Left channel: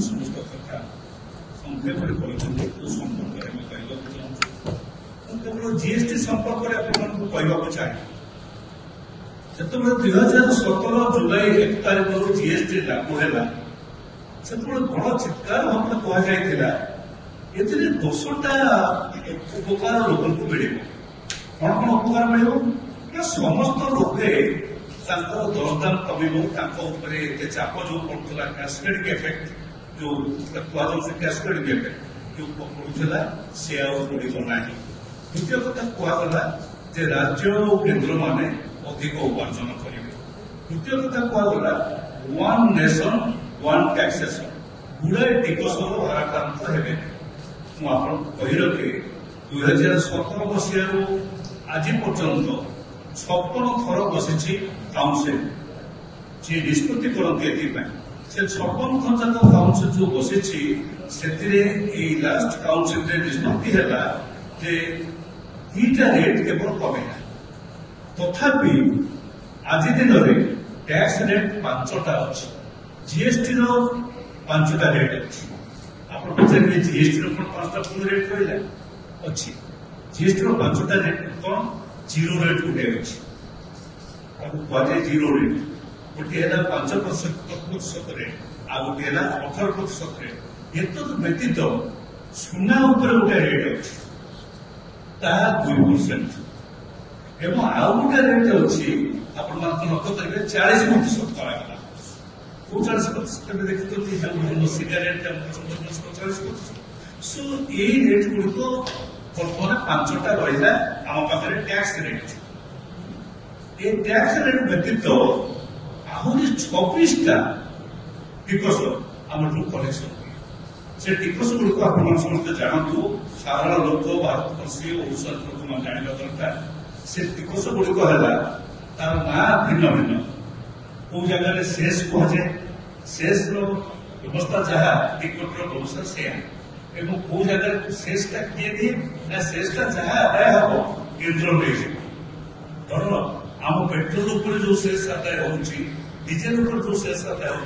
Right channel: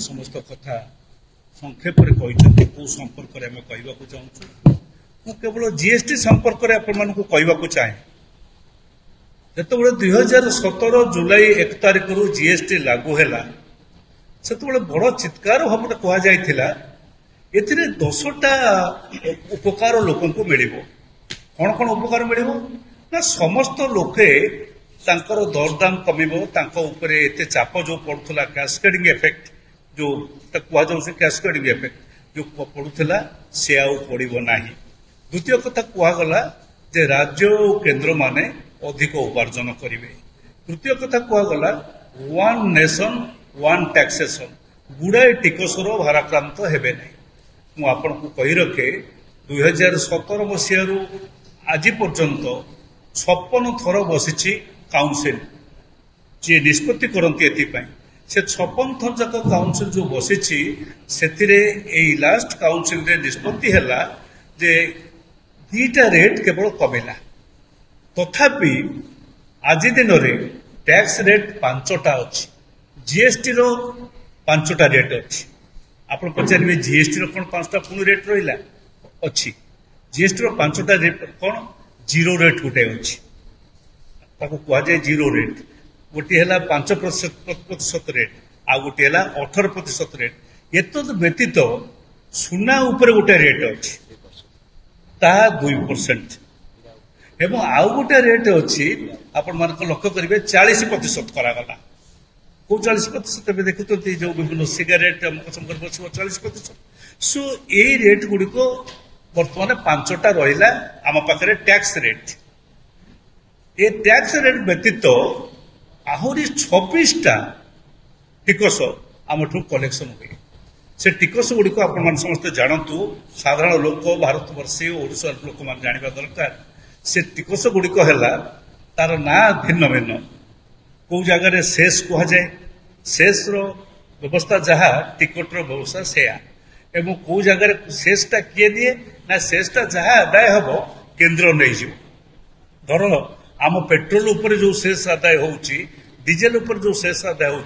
समस्त कथा संक्षेप कौ संपर्क में कहवाक चाहूँ केवल जीएसटी संपर्क में कहवाक चाहे जो 2017 जुलाई 1 तारिख जीएसटी लागू है से बड़ चित्कार भाव कहला एथिरे 10टा उपकार लोक मिल कौन कौन उपकार मिल ना समस्त लोके दरदाम कम एते चाप जो पड़ूला कैस्केडिंग इफेक्ट जो कहुसे कैस्केडिंग इफेक्ट जो पड़ूला से पड़ना। द्वितीय कथा कहगला जे राज्य और केन्द्र माने अधिक उपार्जन करेंगे। तृतीय कथा कहगला वन नेशन वन टैक्सेसन गुड़ाए टिकसर भाराक्रांत हेबे ना। मुझे कही रखे 2017 मसीह आज पर्यंत 56 थर बसी काउंसिल जी निष्पत्ति करती से 56 थर जाक काउंसिल जो बसी से लास्ट काउंसिल निष्पत्ति है जे 2टा रेट केवल कमिला तथापि आज दिन में टैक्स रेट 5टा अच्छी जीएसटी रो 5टा रेट अच्छी। आप पचारे जीएसटी रो कौन 5टा पुणी रेट रहा अच्छी जीएसटी रो 5टा रेट कौन जीरो रेट गोटे अच्छी कहुए जीरो रेट गोटे है 5% रेट आ गोटे है 18% रेट एत व्यतीत सुना उपर गोटे रेट अच्छी ता 2% एवं आउ गोटे रेट अच्छी आपण मान लक्ष्य करेंगे 40% करागला कौ 40% देखते जो विभिन्न सिगारेट 40%। सो ये रेट गुड़िक बर्तमान 5टा रहा आम पाखे टैक्स रेट ये टैक्स रेट व्यतीत आहरी 26टा टिकस आम कलेक्शन हुए से टिकस गुड़िक आप समस्त जानतु साधारण लोक भारतवर्षीय ओडिशा लोक मैंने जानवा दरकार से टिकस गुड़िक है तार ना भिन्न भिन्न कौ जगार सेस कहुए सेस व्यवस्था जहाँ टिकट व्यवस्था से एवं कौ जगार सेसटा किए दिए ना सेसटा जहाँ आदाय हम केन्द्र नहीं धर आम पेट्रोल उपर जो सेस आदाय हो डीजेल उपर जो सेस आदाय हो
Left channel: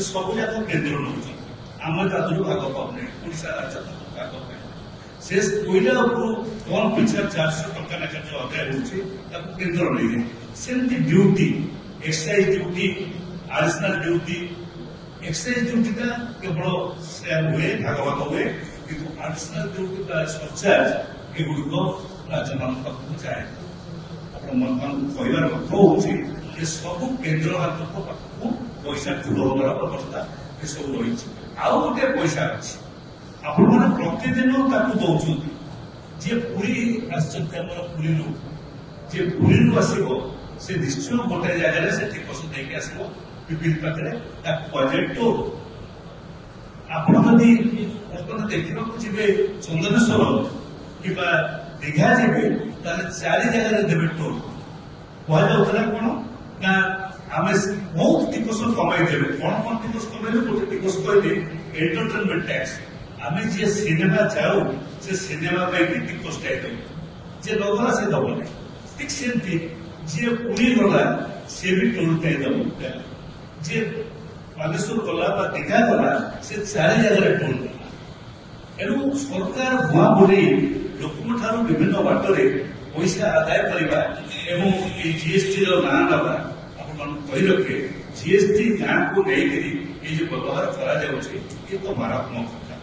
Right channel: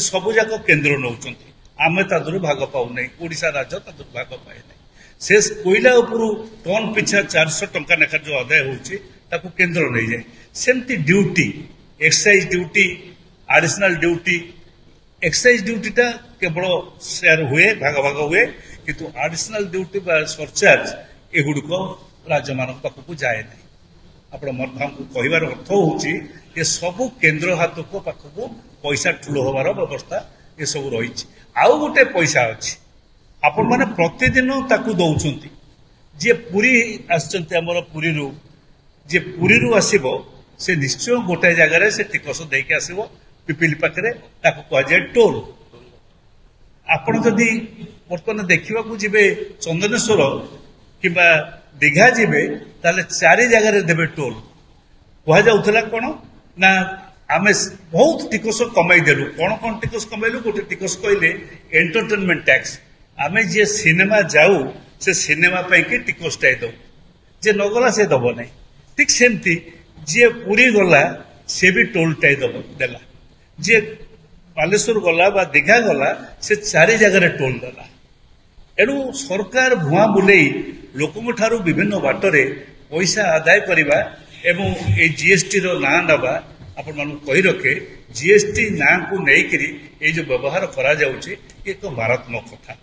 सब जाक केन्द्र नौ आम तादर भाग पाऊना ओडिशा राज्य तक भाग पाए शेष कोईला टन पिछा 400 टंका लेखा जो आदाय हो केन्द्र नहीं जाए सेमती duty excise duty additional duty excise ड्यूटीटा केवल शेयर हुए भाग भाग हुए किंतु एडिशनल ड्यूटी सरचार्ज एगुड़िक राज्य मान पाखक जाए कहबार अर्थ हूँ सब केन्द्र हाथ को पाखक पैसा ठूल हमार व्यवस्था ये सब रही आउ गोटे पैसा अच्छी आपण मैंने प्रतिदिन ताकू दौरान जी पुरी आमर पुरी जी पुरी आसब से निश्चय गोटे जगार से टिकस देके आसब पिपिल पाखे कहुए टोल। आपण जदि बर्तमान देखा जी चंदनेश्वर कि दीघा जी ताले 4 जगार देवे टोल कहला कौन ना आम बहुत टिकस कमईदेलु कौन कौन टिकस कमैलु गोटे टिकस कहले एंटरटेनमेंट टैक्स आम जी सिनेमा जाऊ से सिनेमा पाई टिकसटाए दो जे नगला से दब नहीं ठीक सेमती जी पुरी गला से भी टोलटाए देला जी बालेश्वर गला बा दीघा गला से 4 जगार टोल देला एणु सरकार भुआ बुले लोक ठारू विभिन्न बाटरे पैसा आदाय करवा एवं ये जीएसटी ना नवा आपण मान कही रखे जीएसटी ना को लेकर ये जो व्यवहार करा जाउछि ये तो मारात्मक कथा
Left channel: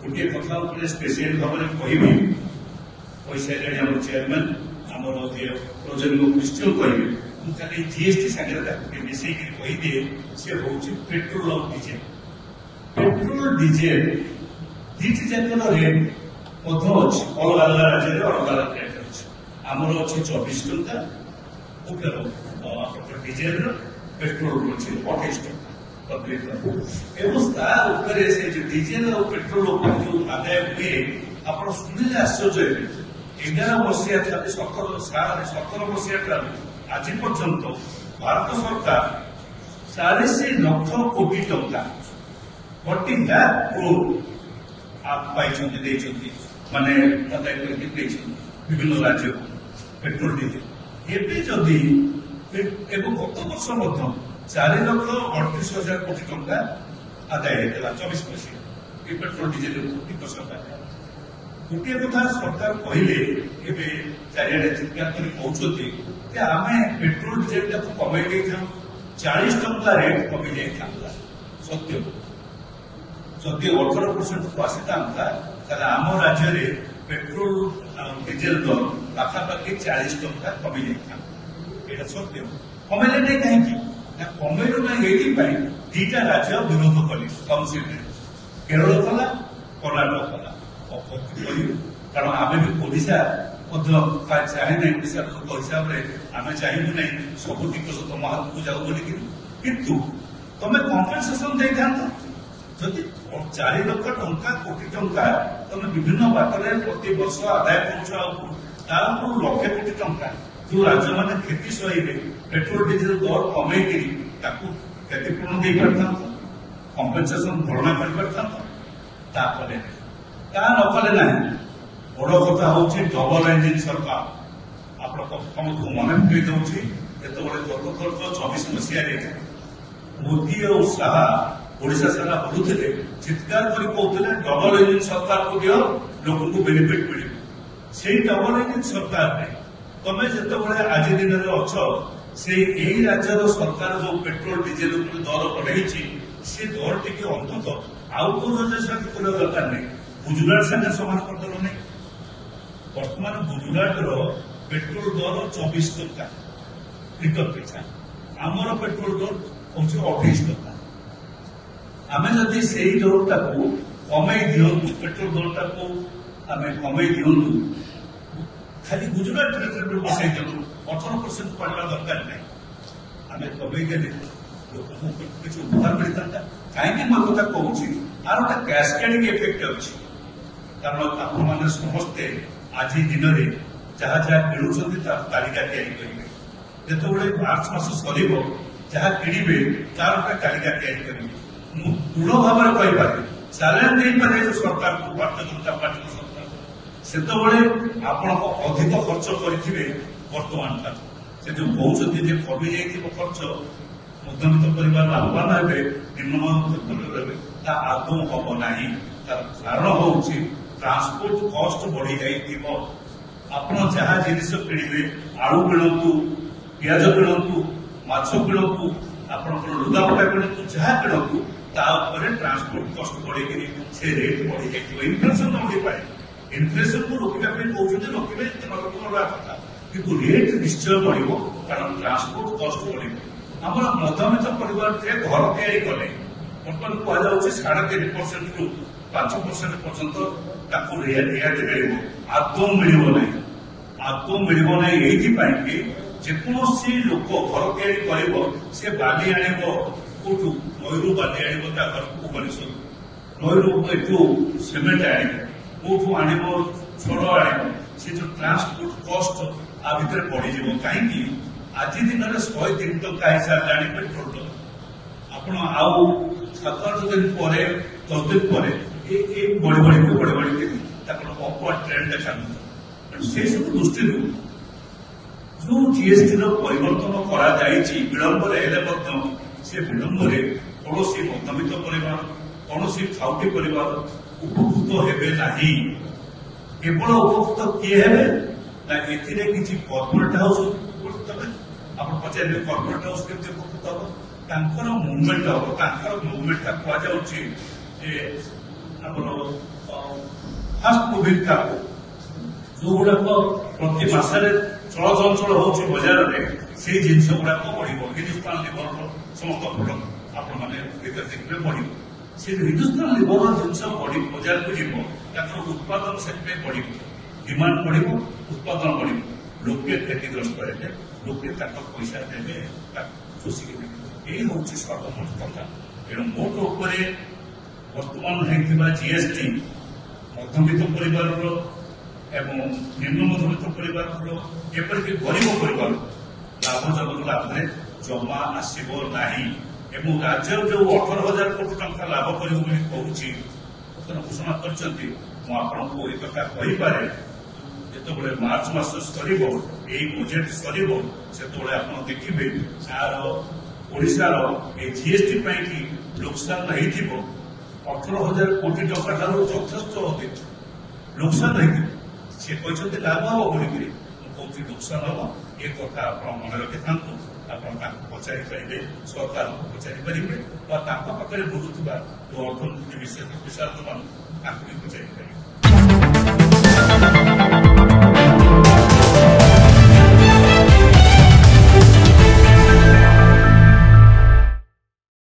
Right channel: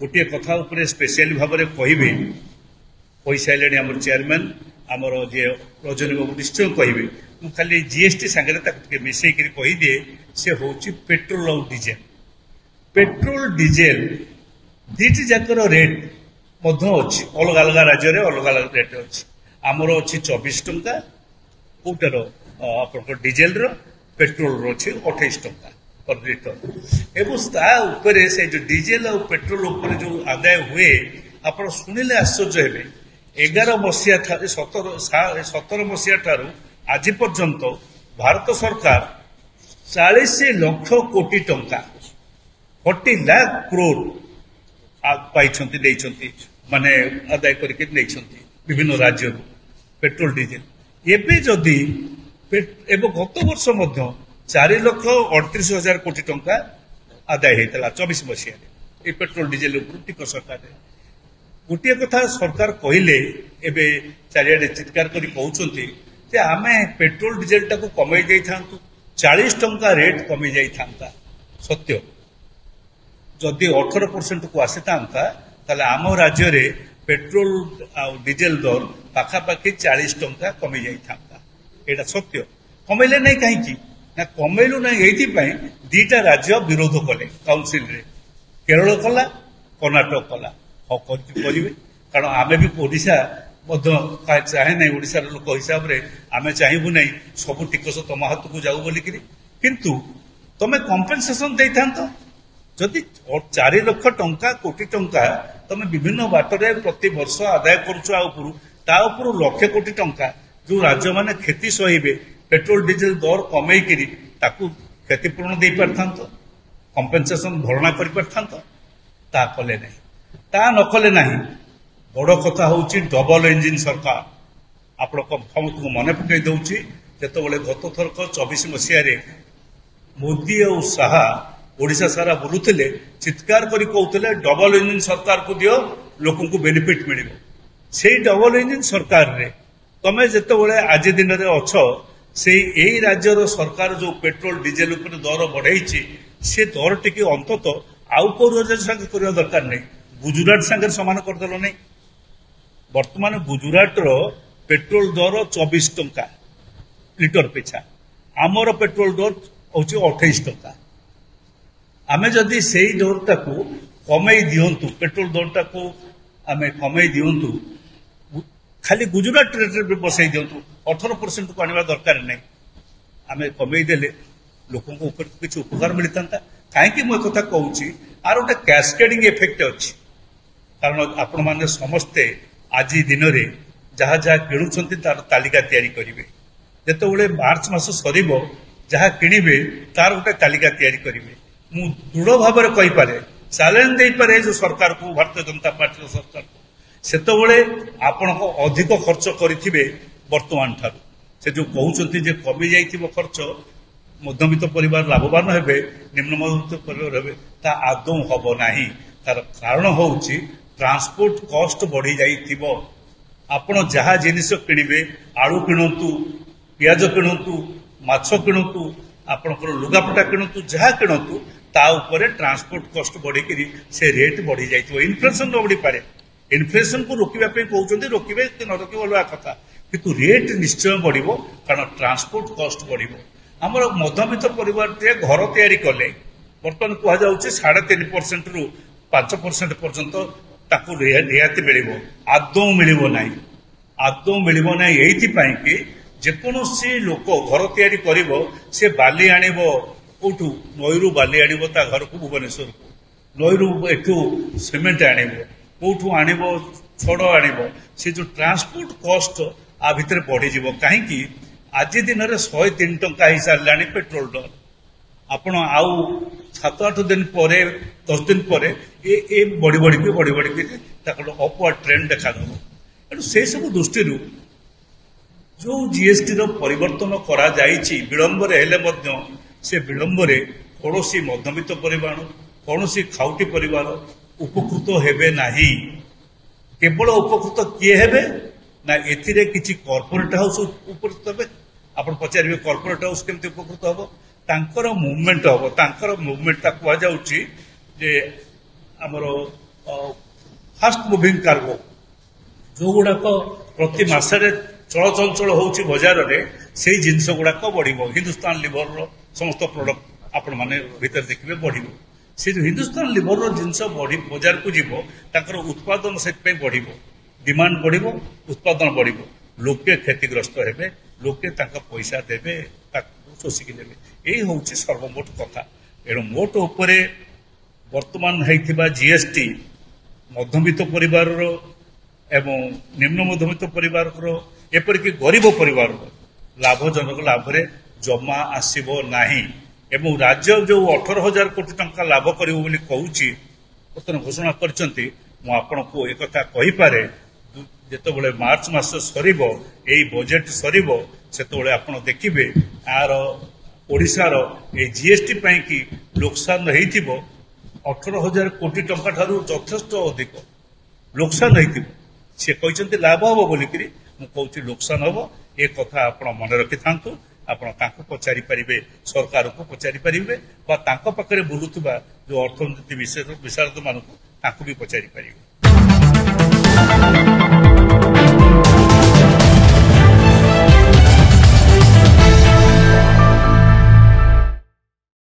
गोटे कथा स्पेशल भाव में कहे पैसा है आम चेयरमैन आमर जे प्रजोरी निश्चय कहे खाली जीएसटी सागर मिसेक कहीदे से हूँ पेट्रोल और डीजेल पेट्रोल डीजेल दीटी जाकर रेट अच्छी अलग अलग राज्य में अलग अलग रेट अच्छी आमर अच्छी 24 टंका कौटार आप डीजेल पेट्रोल अच्छी 28 टंका प्रति लिटर एवं से जो डीजेल और पेट्रोल जो आदाय हुए आप शुणिले आश्चर्य हे 11 मसीहा 17 मसीहा ठारू आज पर्यंत भारत सरकार 40 लाख कोटी टंका 40 लाख करोड़ पाई माने आदाय करके विभिन्न राज्य पेट्रोल डीजेल एवं जदि गत वर्ष 4,38,000 कोटी टंका आदाय होता 24 मसीहा ये पेट्रोल डीजेल टिकस सरकार गोटे कथा सरकार कहले एवं चारिड़े चित्कार कर कहते आम पेट्रोल डीजेल टाक कमे 40 टंका रेट कमी जाता सत्य जदि 18% को आसी था आम राज्य में पेट्रोल डीजेल दर पाखापाखि 40 टंका कमी जाता यहाँ सत्य कमेले नहीं कहीं कमेलु ना ये दीटा राज्य विरोध कले काउनसिल रे केरल कला कर्णाटक कला करेंगे कारण आम भी ओडिशा चाहे ना ओडिशार लोक हिसाब से आम चाहबू ना सब टिकस तुम हाथ को जाऊ बोलिक किंतु तुम कम्पेनसेसन दे था जदि 4 लाख टंका कोटी टंका तुम विभिन्न बाटरे प्रति वर्ष आदाय कर लक्षे कोटी टंका जो राज्य मैंने क्षति सहे पेट्रोल डीजेल दर कमे क्षतिपूरण दे पार कम्पेनसेसन भरणा कर कले न कले ना बड़ कथा हूँ डबल इंजिन सरकार आप मन पकई दूसरी जो गत थरक 24 मसीह मोदी और शाह ओडिशा सारा बुलूले चित्कार कर कहते डबल इंजिन सरकार को दियो लोक बेनिफिट मिल से डबल इंजिन सरकार रे तमें जो आज दिन में अच्छ से यही राज्यर सरकार जो पेट्रोल डीजेल दर बढ़ाई से दर टी अंतत आउ कौ राज्य साथ करने दरकार नहीं गुजरात सागर सामान करदेल नहीं बर्तमान गुजरात पेट्रोल दर 24 टंका लिटर पिछा आमर पेट्रोल दर हूँ 28 टंका आम जदि से दरटा को कमे दिंतु पेट्रोल दरटा को आम कमे दिंतु खाली गुजरात रेट बसई दिंतु 18% को आने दरकार नहीं आम कमेदेले लोक किसी उपकार मिलता कहीं मुझे कथा कहूँ आर गोटे कैस्केडिंग इफेक्ट अच्छी कारण आपण मैंने समस्ते आज दिन में जहाँ जहाँ किणुंट तार तालिका तैयारी करेंगे जिते मार्च मास सर जहाँ किणवे तार गोटे तालिका तैयारी करेंगे मु दृढ़ भाव में कहीपे चैलेंज दे पारे जो सरकार को भारतीय जनता पार्टी सरकार से आपण अधिक खर्च करेंगे बर्तमान ठार से जो कहते कमी जा खर्च मध्यमित परिवार लाभवान हे निम्न मध्यमित परिवार हे आदौ हम ना तार कारण हूँ ट्रांसपोर्ट कॉस्ट बढ़ी जाइथिबो आपण जहाँ जिनिस किणवे आलू किणतु पियाज किणतु माछ किणतु आपणकर लुगापटा किणतु जहाँ किणतु ता उपरे ट्रांसपोर्ट कॉस्ट बढ़ी से रेट बढ़ी जाइथिबो इन्फ्लेशन बढ़ी पारे इन्फ्लेशन को रोकवा कहते रोकवे न रोक अलग कथा किंतु रेट निश्चय बढ़ो कारण ट्रांसपोर्ट कॉस्ट बढ़ो आमर मध्यमित परिवार घर तैयारी कले बर्तमान कहुचे 3.5% रु 5% पर्यंत रियायती मिल आदौ मिल ना ये जेकोसी लोक घर तैयारी कर सी बाली आणव कौटू नईरू बाली आणव ता घर को भुवनेश्वर नईरू एठू सीमेंट आणव कौटू आणव छड़ आणव से जो ट्रांसपोर्ट कॉस्ट आ भितर बढ़ीज कहीं आज दिन में 103 टंका हो सारे पेट्रोल डर आपण आउ 7-8 दिन पर 10 दिन पर ये बढ़ी बढ़ी अपवर्ड ट्रेंड देखा से सब दृष्टि जो जीएसटी परिवर्तन करा विलंब से विलंब कौन मध्यमित परिवार कौन खाउटी परिवार उपकृत हेबे नहीं केवल उपकृत किए हेबे ना एथिरे किछि कॉर्पोरेट हाउस उपकृत हे आप पचारे कॉर्पोरेट हाउस केमती उपकृत हम तांकर मुवमेंट हम तांकर मुवमेंट कहुच्छी आमर फास्ट मुविंग कार्गो जो गुड़ाक प्रति मसरे चलचंचल होची बजार में से जिनस गुड़ाक बढ़ हिंदुस्तान लिवर समस्त प्रोडक्ट आपण मैंने भीतर देखिए बढ़ से हिंदुस्तान लिवर जिनस बढ़ी बजार को जीव ताकर उत्पादन से बढ़ डिमांड बढ़ उत्पादन बढ़ लोके क्षतिग्रस्त हे लोके पैसा देवे शोषिकी देवे यही हूँ सर्वमोट कथा एणु मोट उपर वर्तमान होता जीएसटी मध्यमित परिवार एवं निम्न मध्यमित परिवार एपरिक गरीब परिवार लाभजनक लाभ जमा आसब नहीं एवं राज्य जो 18,000 कोटी टंका लाभ कर घोषणा कर एक कथा कहीपे जिते मार्च मास सर बजेट सर से आप देखिए यार ओडिशार ए जीएसटी कि लोकसान होइथिबो 18,000 कोटी टंका ठारू यथेष्ट अधिक लोकसान होइथिबो से कहते लाभ हम बोलिकी मुझे लोकसान हम ए कथा आप मन रखि था आप पचारि पारे सरकार को पचारि पारे पाखे बुलूवा जो अर्थनीति विशेषज्ञ मान भी पचारि पारे।